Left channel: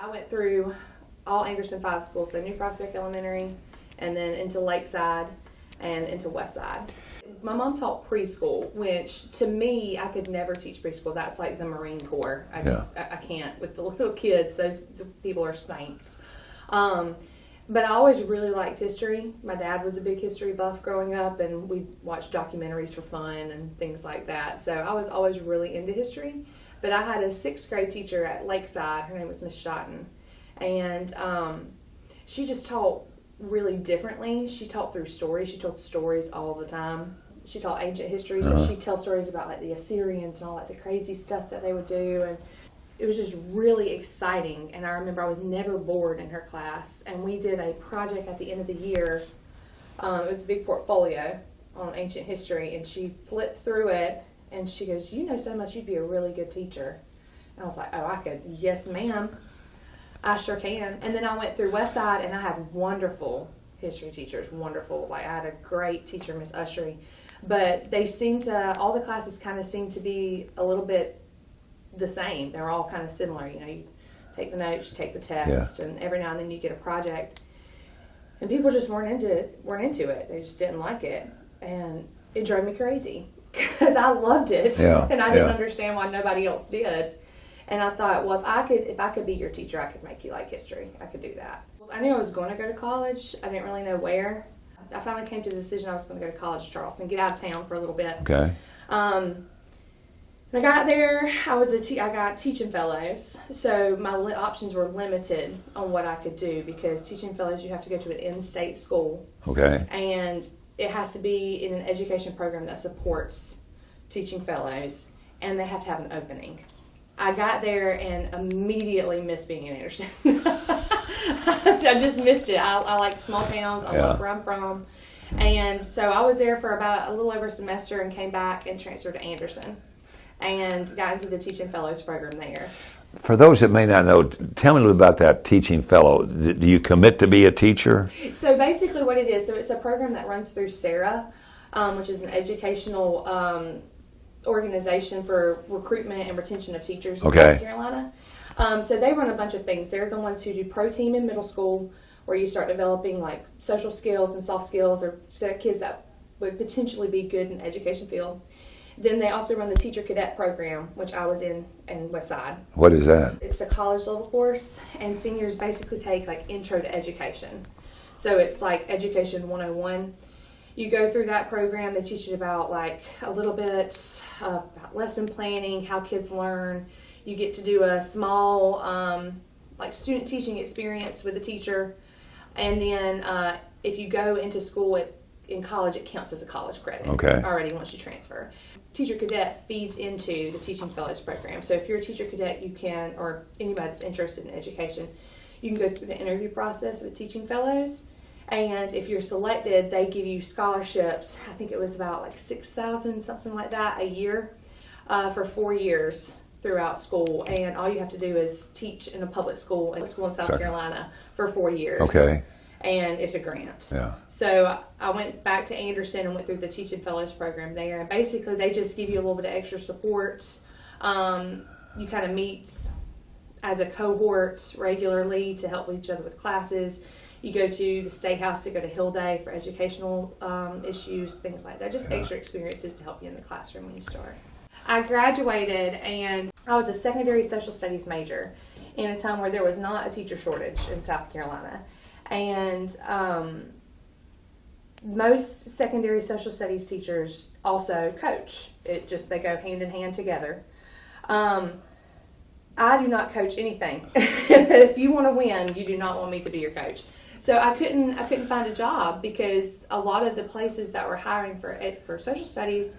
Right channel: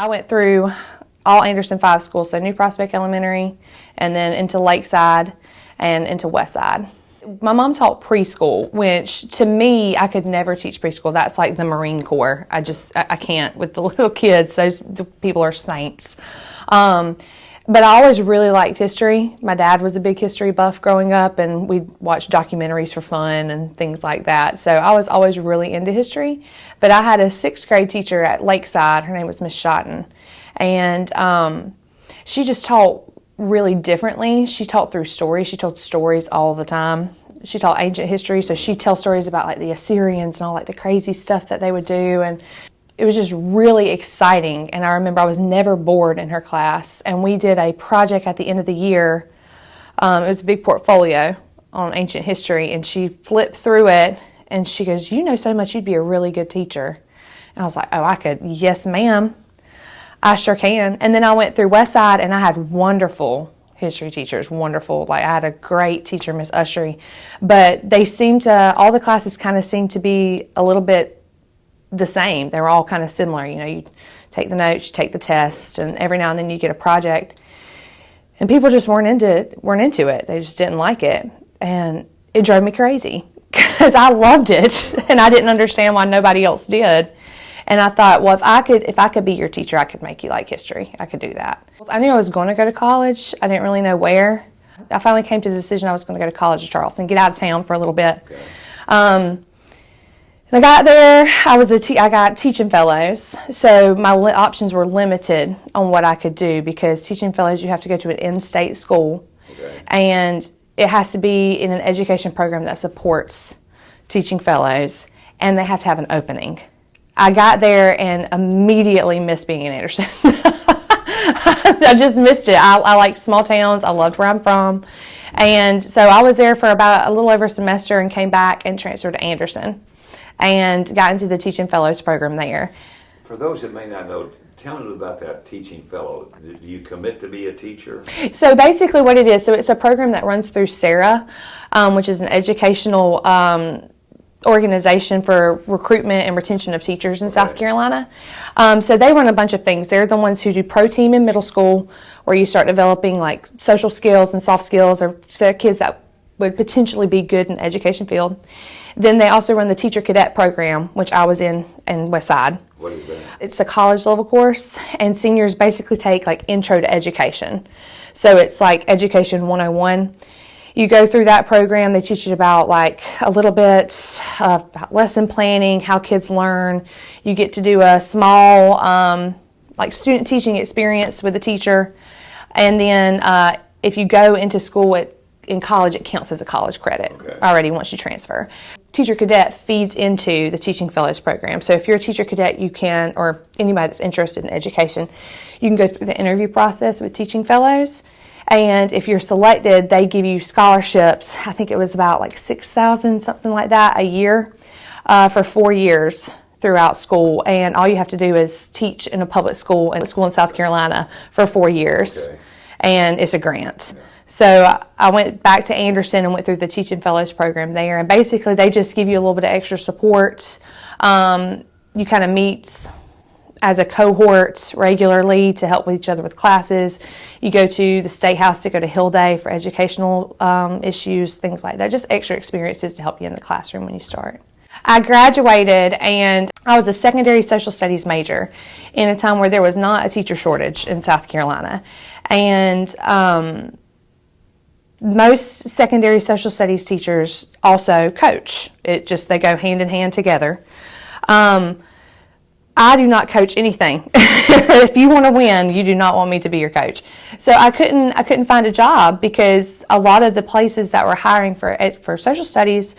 I went through all Anderson 5 schools, so New Prospect Elementary, and then into Lakeside and into Westside. My mom taught preschool, which to me, I could never teach preschool. That's like the Marine Corps. I can't with the little kids. Those people are saints. But I always really liked history. My dad was a big history buff growing up, and we'd watch documentaries for fun and things like that. So I was always really into history. But I had a 6th grade teacher at Lakeside. Her name was Miss Shotton. And she just taught really differently. She taught through stories. She told stories all the time. She taught ancient history, so she'd tell stories about like the Assyrians and all like the crazy stuff that they would do. And it was just really exciting, and I remember I was never bored in her class. And we did a project at the end of the year. It was a big portfolio on ancient history, and she flipped through it, and she goes, "You know so much, you'd be a really good teacher." And I was like, "Oh, I could." "Yes, ma'am, I sure can." And then I went through Westside, and I had wonderful history teachers, wonderful. Like, I had a great teacher, Miss Ushery, but they seemed to, all the classes kind of seemed to be a little bit the same. They were all kind of similar. You know, you take the notes, you take the test, and every now and then you get a project. And people just weren't into it. They just didn't like it. And it drove me crazy because I loved it, and I didn't understand why nobody else did. And I thought, well, if I could be your teacher, I could make you like history. I could do that. I knew I was going to go to college. I didn't really know where. I finally came to the decision I was going to go to college at Charleston, get out of town for a little bit. Okay. I got there, I got teaching fellows, so my options were limited on what I could do, because teaching fellows, you have to go to an in-state school. Okay. And it has to be in an education program that supports teaching fellows, and they have to have an opening. I got there and immediately missed being in Anderson. I just missed it. I like small towns. I loved where I'm from. And so I was there for about a little over a semester and came back and transferred to Anderson and got into the Teaching Fellows program there. For those that may not know, tell me a little about that Teaching Fellow. Do you commit to be a teacher? So basically what it is, so it's a program that runs through SARA, which is an educational organization for recruitment and retention of teachers in South Carolina. So they run a bunch of things. They're the ones who do pro team in middle school, where you start developing like social skills and soft skills, or for kids that would potentially be good in the education field. Then they also run the teacher cadet program, which I was in Westside. What is that? It's a college level course, and seniors basically take like intro to education. So it's like education 101. You go through that program, they teach you about like a little bit of lesson planning, how kids learn. You get to do a small like student teaching experience with a teacher. And then if you go into school in college, it counts as a college credit already once you transfer. Teacher Cadet feeds into the Teaching Fellows program. So if you're a teacher cadet, you can, or anybody that's interested in education, you can go through the interview process with Teaching Fellows. And if you're selected, they give you scholarships. I think it was about like $6,000, something like that, a year for 4 years throughout school. And all you have to do is teach in a public school in South Carolina for 4 years. Okay. And it's a grant. Yeah. So I went back to Anderson and went through the Teaching Fellows program there. And basically they just give you a little bit of extra support. You kind of meet as a cohort regularly to help with each other with classes. You go to the State House to go to Hill Day for educational issues, things like that. Just extra experiences to help you in the classroom when you start. I graduated and I was a secondary social studies major in a time where there was not a teacher shortage in South Carolina. And most secondary social studies teachers also coach. They go hand in hand together. I do not coach anything. If you want to win, you do not want me to be your coach. So I couldn't find a job because a lot of the places that were hiring for social studies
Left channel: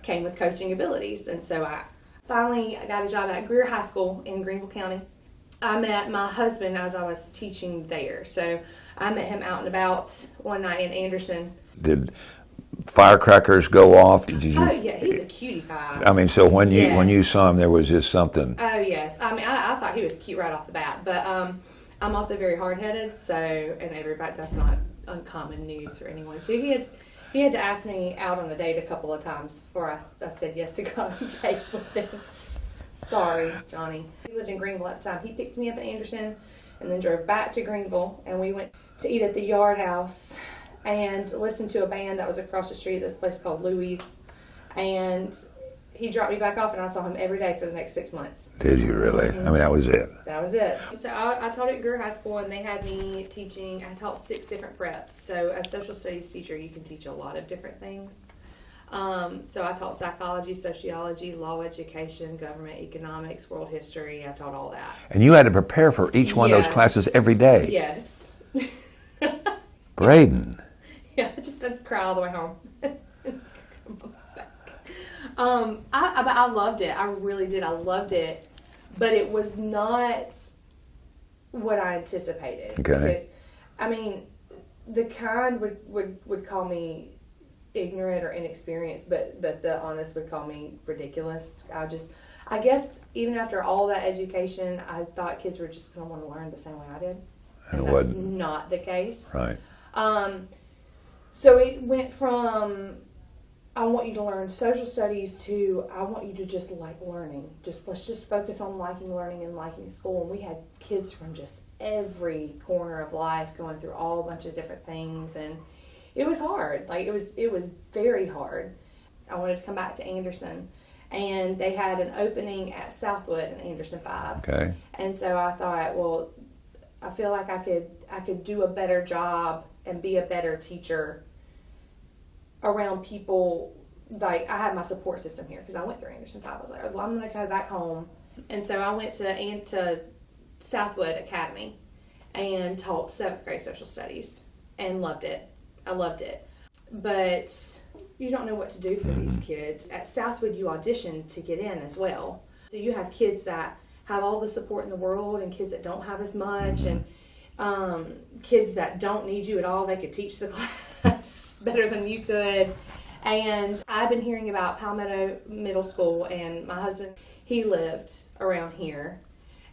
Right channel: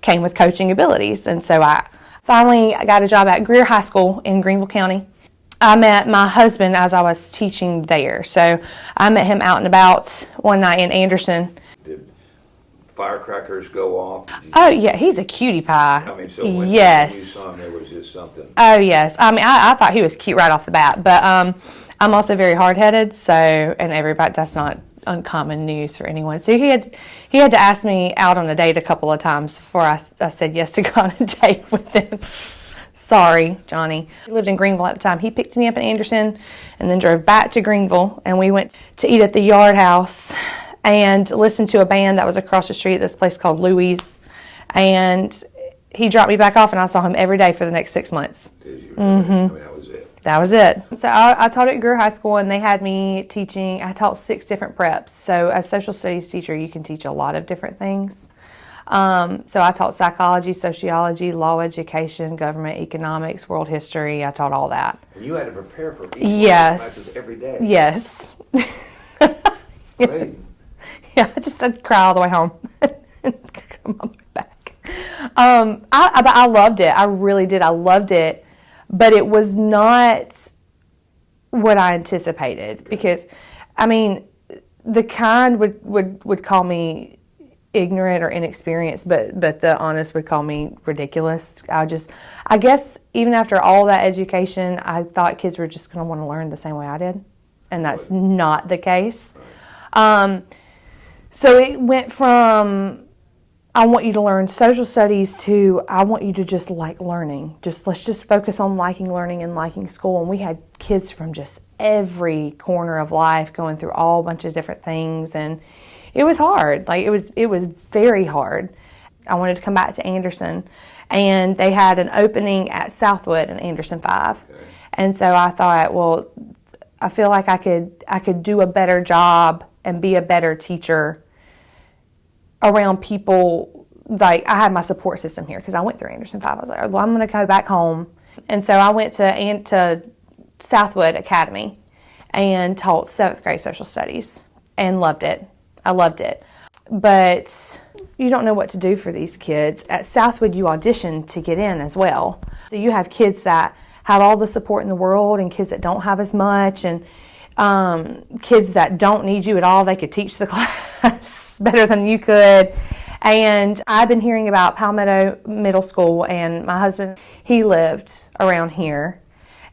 came with coaching abilities. And so I finally got a job at Greer High School in Greenville County. I met my husband as I was teaching there. So I met him out and about one night in Anderson. Did firecrackers go off? Yeah, he's a cutie pie. I mean, so when you saw him, there was just something. Oh, yes. I mean, I thought he was cute right off the bat, but I'm also very hard-headed, and everybody, that's not uncommon news for anyone. So he had to ask me out on a date a couple of times before I said yes to go on a date with him. Sorry, Johnny. He lived in Greenville at the time. He picked me up in Anderson and then drove back to Greenville, and we went to eat at the Yard House and listened to a band that was across the street at this place called Louie's. And he dropped me back off, and I saw him every day for the next 6 months. Did you really? I mean, that was it. That was it. So I taught at Greer High School, and they had me teaching. I taught 6 different preps. So as a social studies teacher, you can teach a lot of different things. So I taught psychology, sociology, law education, government, economics, world history. I taught all that. And you had to prepare for each one of those classes every day. Yes. Braden. Yeah, I'd cry all the way home. Come on back. But I loved it. I really did. I loved it. But it was not what I anticipated. Okay. Because, I mean, the kind would call me ignorant or inexperienced, but the honest would call me ridiculous. I guess even after all that education, I thought kids were just going to want to learn the same way I did. And that's not the case. Right. So it went from, I want you to learn social studies to, I want you to just like learning. Let's just focus on liking learning and liking school. And we had kids from just every corner of life going through all bunch of different things, and it was hard. Like it was very hard. I wanted to come back to Anderson, and they had an opening at Southwood in Anderson 5. Okay. And so I thought, well, I feel like I could do a better job and be a better teacher around people. Like, I had my support system here because I went through Anderson 5. I was like, well, I'm going to go back home. And so I went to Southwood Academy and taught 7th grade social studies and loved it. I loved it. But you don't know what to do for these kids. At Southwood, you audition to get in as well. So you have kids that have all the support in the world and kids that don't have as much, and kids that don't need you at all. They could teach the class better than you could. And I've been hearing about Palmetto Middle School, and my husband, he lived around here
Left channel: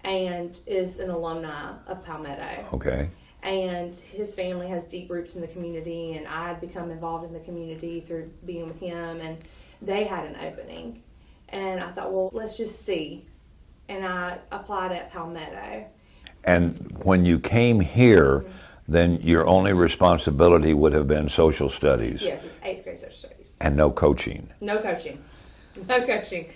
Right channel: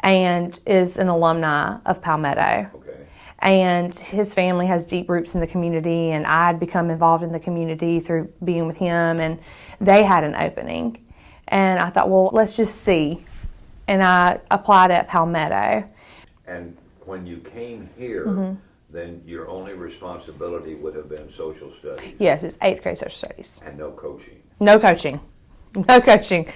and is an alumni of Palmetto. Okay. And his family has deep roots in the community, and I'd become involved in the community through being with him, and they had an opening. And I thought, well, let's just see. And I applied at Palmetto. And when you came here, then your only responsibility would have been social studies. Yes, it's 8th grade social studies. And no coaching. No coaching. No coaching.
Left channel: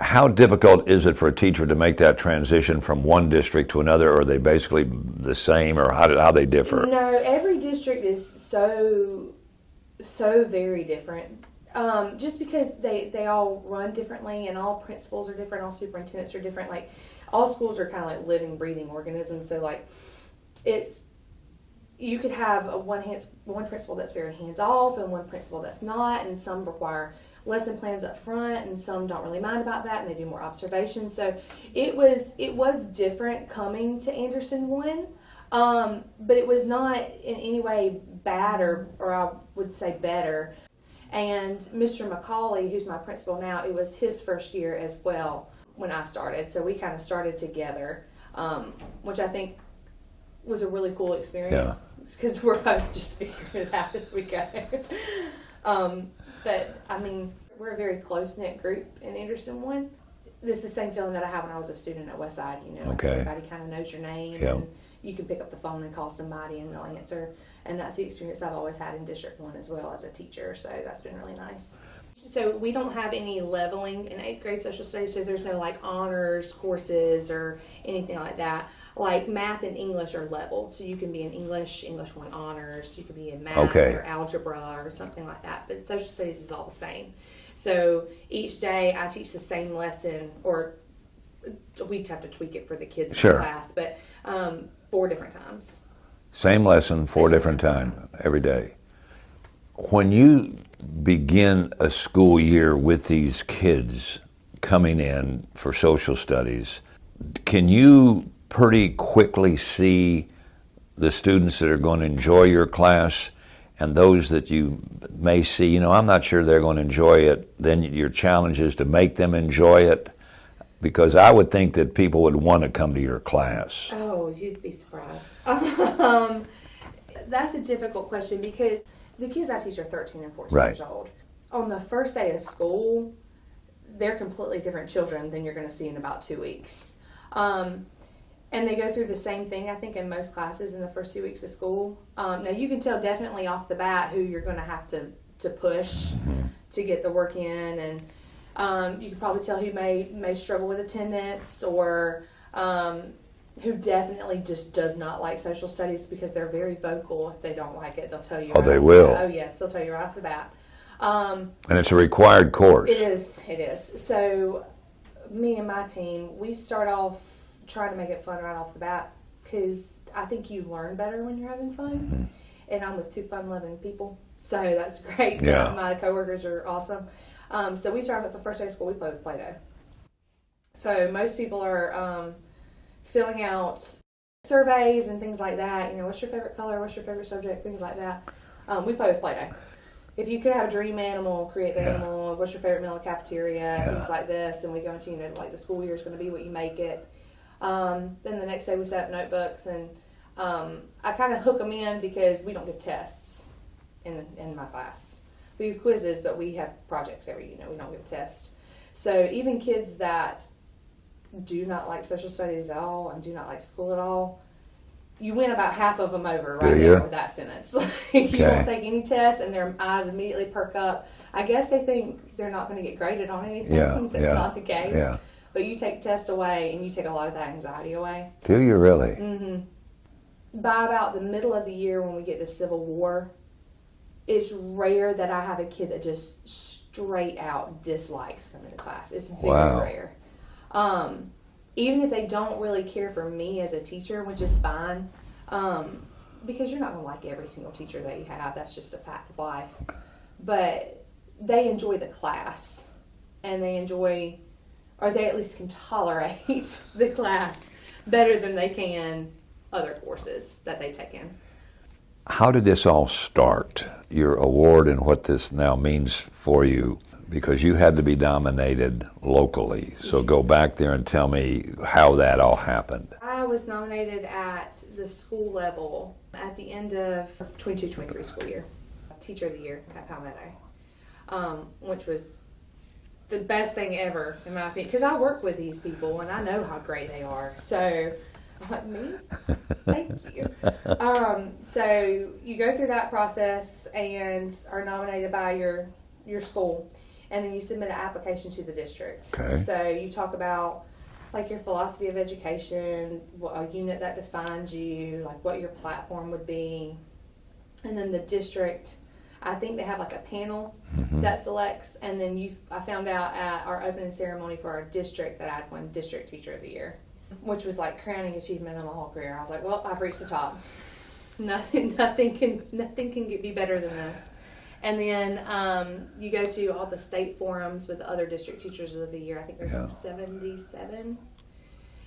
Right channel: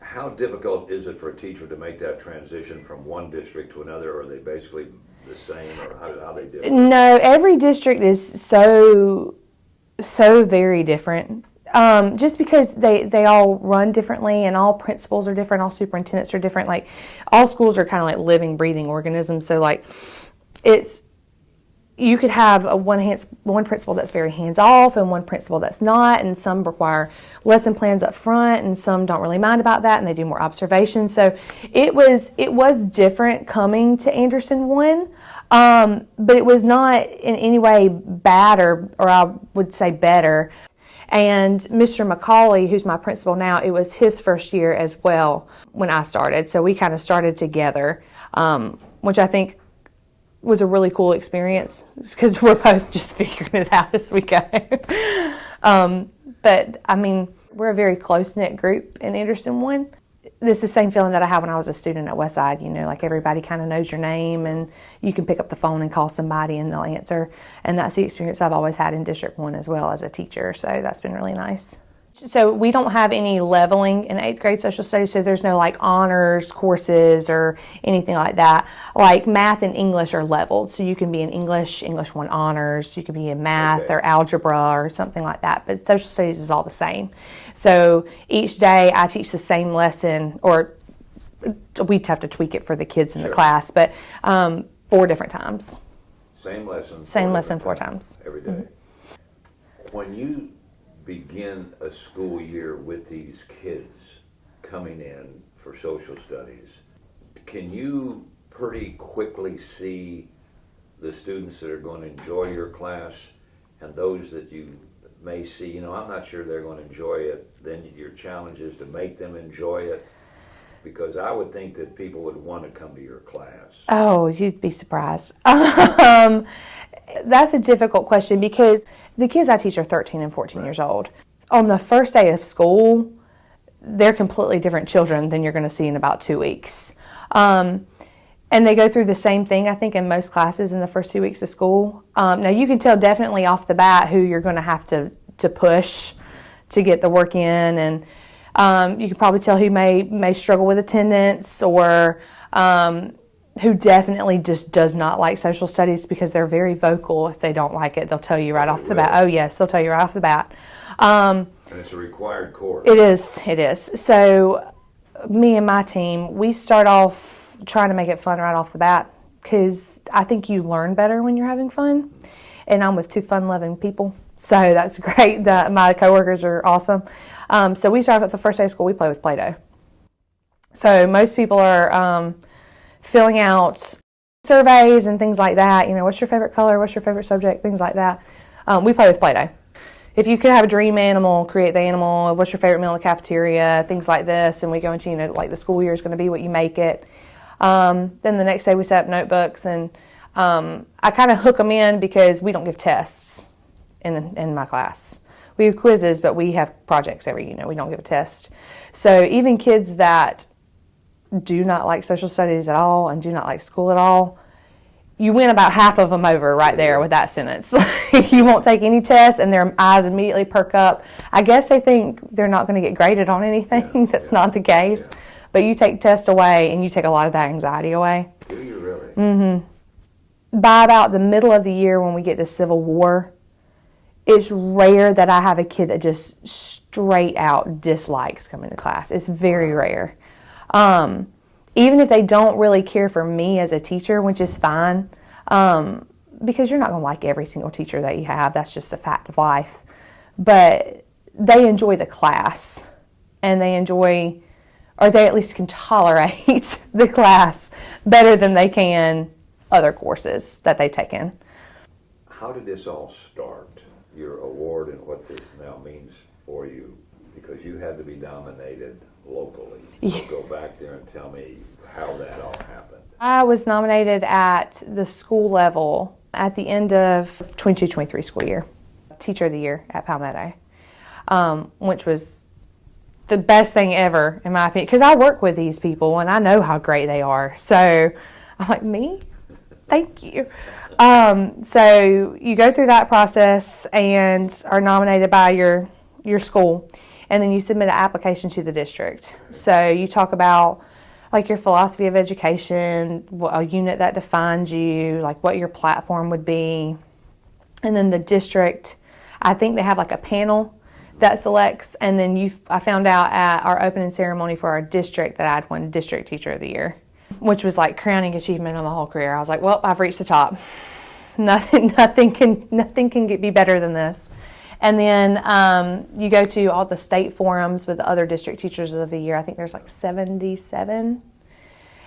How difficult is it for a teacher to make that transition from one district to another? Or are they basically the same, or how they differ? No, every district is so very different. Just because they all run differently, and all principals are different, all superintendents are different. Like, all schools are kind of like living, breathing organisms. So, like, you could have one principal that's very hands-off and one principal that's not, and some require lesson plans up front, and some don't really mind about that, and they do more observation. So it was different coming to Anderson 1, but it was not in any way bad, or I would say better. And Mr. McCauley, who's my principal now, it was his first year as well when I started. So we kind of started together, which I think was a really cool experience, because we're both just figuring it out as we go. But I mean, we're a very close-knit group in Anderson 1. This is the same feeling that I had when I was a student at Westside. Like, everybody kind of knows your name, and you can pick up the phone and call somebody and they'll answer. And that's the experience I've always had in District 1 as well as a teacher. So that's been really nice. So we don't have any leveling in 8th grade social studies, so there's no like honors courses or anything like that. Like, math and English are leveled, so you can be in English 1 honors, you can be in math or algebra or something like that, but social studies is all the same. So each day I teach the same lesson, or we'd have to tweak it for the kids in the class, but 4 different times. Same lesson, 4 different times every day. When you begin a school year with these kids coming in for social studies, can you pretty quickly see the students that are going to enjoy your class and those that you may see, I'm not sure they're going to enjoy it? Then your challenge is to make them enjoy it, because I would think that people would want to come to your class. Oh, you'd be surprised. That's a difficult question, because the kids I teach are 13 and 14 years old. On the first day of school, they're completely different children than you're going to see in about 2 weeks. And they go through the same thing, I think, in most classes in the first 2 weeks of school. Now, you can tell definitely off the bat who you're going to have to push to get the work in, and you can probably tell who may struggle with attendance, or who definitely just does not like social studies, because they're very vocal. If they don't like it, they'll tell you right off the bat. Oh, yes, they'll tell you right off the bat. And it's a required course. It is. So me and my team, we start off trying to make it fun right off the bat, because I think you learn better when you're having fun. And I'm with two fun-loving people, so that's great. Yeah. My coworkers are awesome. So we start off at the first day of school, we play with Play-Doh. So most people are filling out surveys and things like that. You know, what's your favorite color? What's your favorite subject? Things like that. We play with Play-Doh. If you could have a dream animal, create the animal. What's your favorite meal in the cafeteria? Things like this. And we go into, like the school year is going to be what you make it. Then the next day we set up notebooks, and I kind of hook them in, because we don't give tests in my class. We have quizzes, but we have projects we don't give a test. So even kids that do not like social studies at all and do not like school at all, you win about half of them over right there with that sentence. You won't take any tests, and their eyes immediately perk up. I guess they think they're not going to get graded on anything. That's not the case. Yeah. But you take tests away, and you take a lot of that anxiety away. Do you really? Mm-hmm. By about the middle of the year, when we get to Civil War, it's rare that I have a kid that just straight out dislikes coming to class. It's very rare. Even if they don't really care for me as a teacher, which is fine, because you're not going to like every single teacher that you have. That's just a fact of life. But they enjoy the class, and they enjoy, or they at least can tolerate the class better than they can other courses that they've taken. How did this all start, your award, and what this now means for you? Because you had to be nominated locally. So go back there and tell me how that all happened. I was nominated at the school level at the end of 22-23 school year. Teacher of the Year at Palmetto, which was the best thing ever, in my opinion, because I work with these people and I know how great they are. So I'm like, me? Thank you. So you go through that process and are nominated by your school. And then you submit an application to the district. Okay. So you talk about like your philosophy of education, a unit that defines you, like what your platform would be. And then the district, I think they have like a panel that selects. And then I found out at our opening ceremony for our district that I'd won District Teacher of the Year, which was like crowning achievement of my whole career. I was like, well, I've reached the top. Nothing can be better than this. And then you go to all the state forums with the other district teachers of the year. I think there's like 77.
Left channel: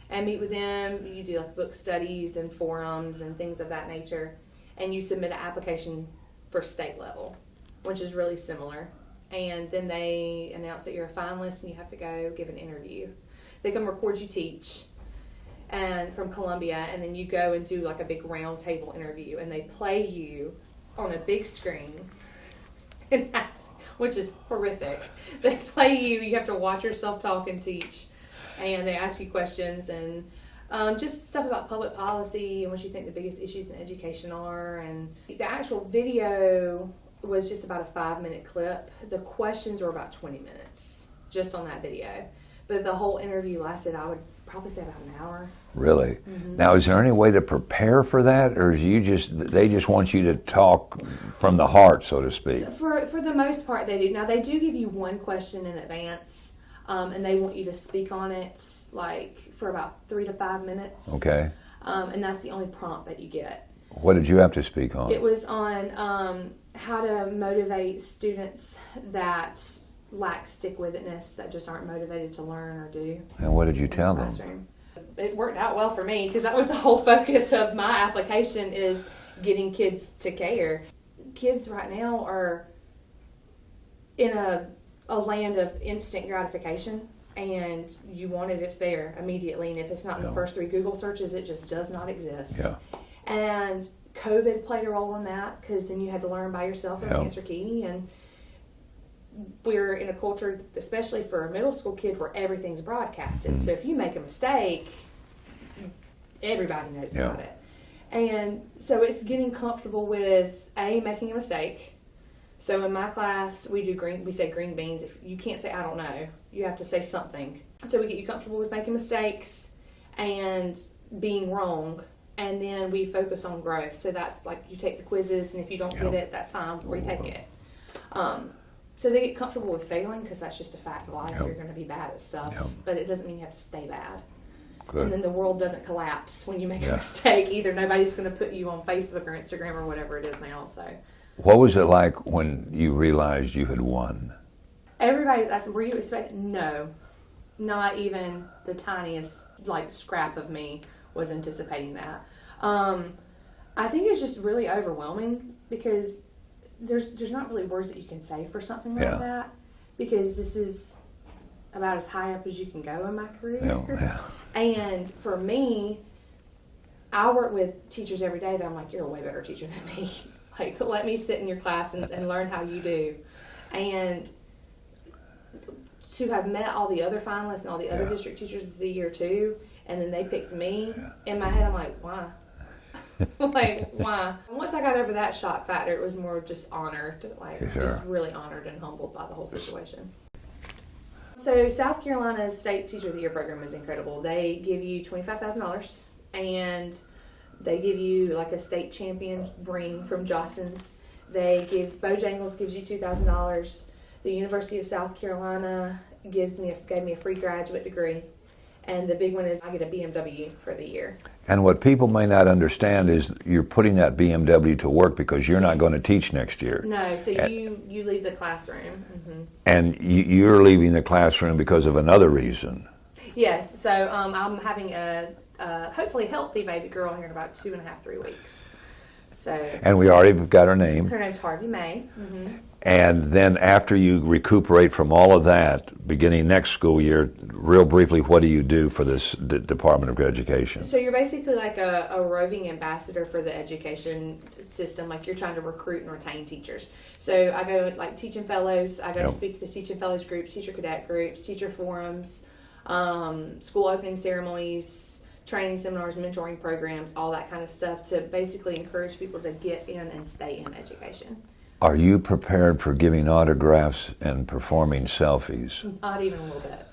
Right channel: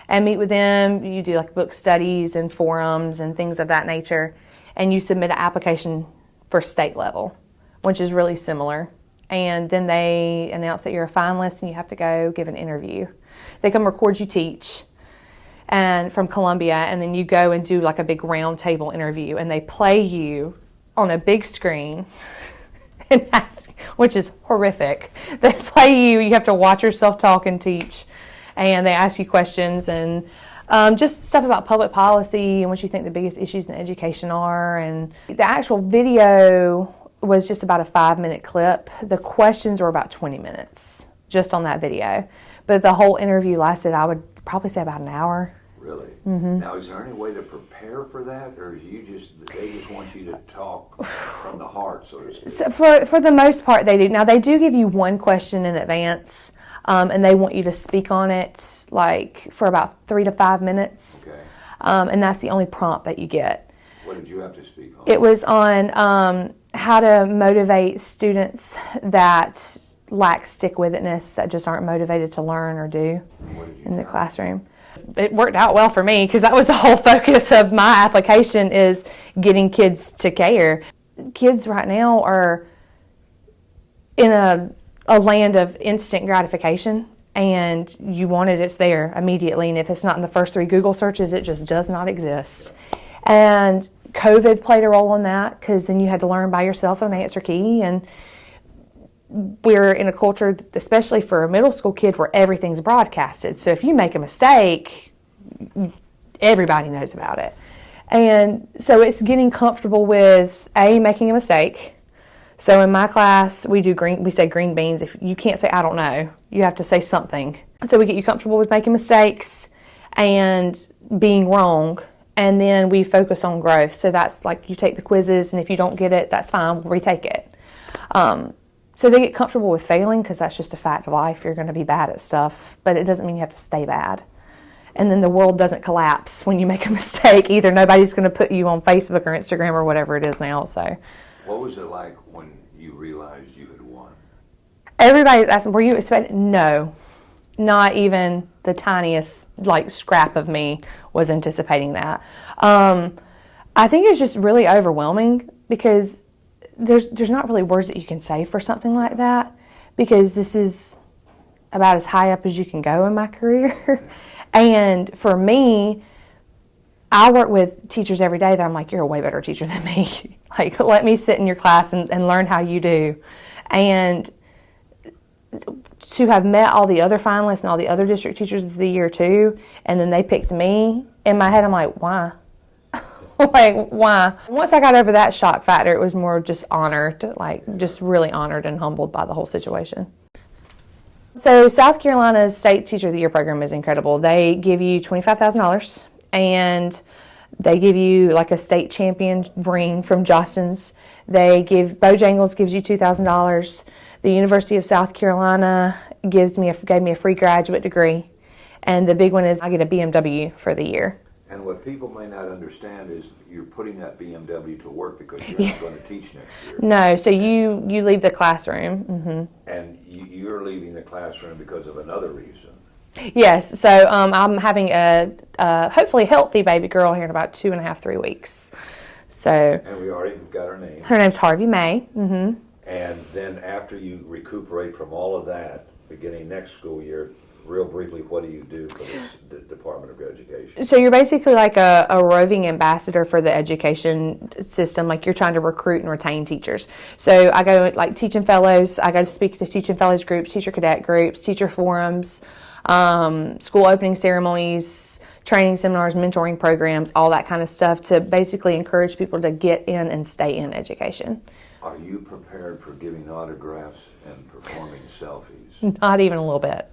And meet with them. You do like book studies and forums and things of that nature. And you submit an application for state level, which is really similar. And then they announce that you're a finalist and you have to go give an interview. They come record you teach and from Columbia, and then you go and do like a big round table interview, and they play you on a big screen. Which is horrific. They play you have to watch yourself talk and teach, and they ask you questions and just stuff about public policy and what you think the biggest issues in education are. And the actual video was just about a 5-minute clip. The questions were about 20 minutes just on that video, but the whole interview lasted, I would probably say, about an hour. Really? Mm-hmm. Now, is there any way to prepare for that, or is they just want you to talk from the heart, so to speak? So for the most part, they do. Now, they do give you one question in advance, and they want you to speak on it like for about 3 to 5 minutes. Okay. And that's the only prompt that you get. What did you have to speak on? It was on how to motivate students that lack stick-with-itness, that just aren't motivated to learn or do. And what did you tell them? In the classroom. It worked out well for me, because that was the whole focus of my application, is getting kids to care. Kids right now are in a land of instant gratification, and you want it, it's there immediately. And if it's not in the first 3 Google searches, it just does not exist. Yeah. And COVID played a role in that, because then you had to learn by yourself an answer key. And we're in a culture, especially for a middle school kid, where everything's broadcasted. So if you make a mistake, everybody knows about it. And so it's getting comfortable with making a mistake. So in my class, we say green beans. If you can't say I don't know, you have to say something. So we get you comfortable with making mistakes and being wrong, and then we focus on growth. So that's like you take the quizzes, and if you don't get it, that's fine, we'll retake it. So they get comfortable with failing, because that's just a fact of life. You're going to be bad at stuff, but it doesn't mean you have to stay bad. And then the world doesn't collapse when you make a mistake either. Nobody's going to put you on Facebook or Instagram or whatever it is now. So, what was it like when you realized you had won? Everybody's asking, were you expecting? No, not even the tiniest scrap of me was anticipating that. I think it's just really overwhelming, because there's not really words that you can say for something like that, because this is about as high up as you can go in my career. And for me, I work with teachers every day that I'm like, you're a way better teacher than me. Let me sit in your class and learn how you do. And to have met all the other finalists and all the other district teachers of the year too, and then they picked me, in my head I'm like, why? Why? Once I got over that shock factor, it was more just honored, just really honored and humbled by the whole situation. So South Carolina's State Teacher of the Year program is incredible. They give you $25,000, and they give you a state champion ring from Jostens. Bojangles gives you $2,000. The University of South Carolina gave me a free graduate degree, and the big one is I get a BMW for the year. And what people may not understand is you're putting that BMW to work, because you're not going to teach next year. No, so you leave the classroom. Mm-hmm. And you're leaving the classroom because of another reason. Yes, so I'm having a hopefully healthy baby girl here in about 2.5, 3 weeks. So. And we already got her name. Her name's Harvey May. Mm-hmm. And then after you recuperate from all of that, beginning next school year, real briefly, what do you do for this Department of Education? So you're basically like a roving ambassador for the education system. You're trying to recruit and retain teachers. So I go teaching fellows. I go to speak to teaching fellows groups, teacher cadet groups, teacher forums, school opening ceremonies, training seminars, mentoring programs, all that kind of stuff, to basically encourage people to get in and stay in education. Are you prepared for giving autographs and performing selfies? Not even a little bit.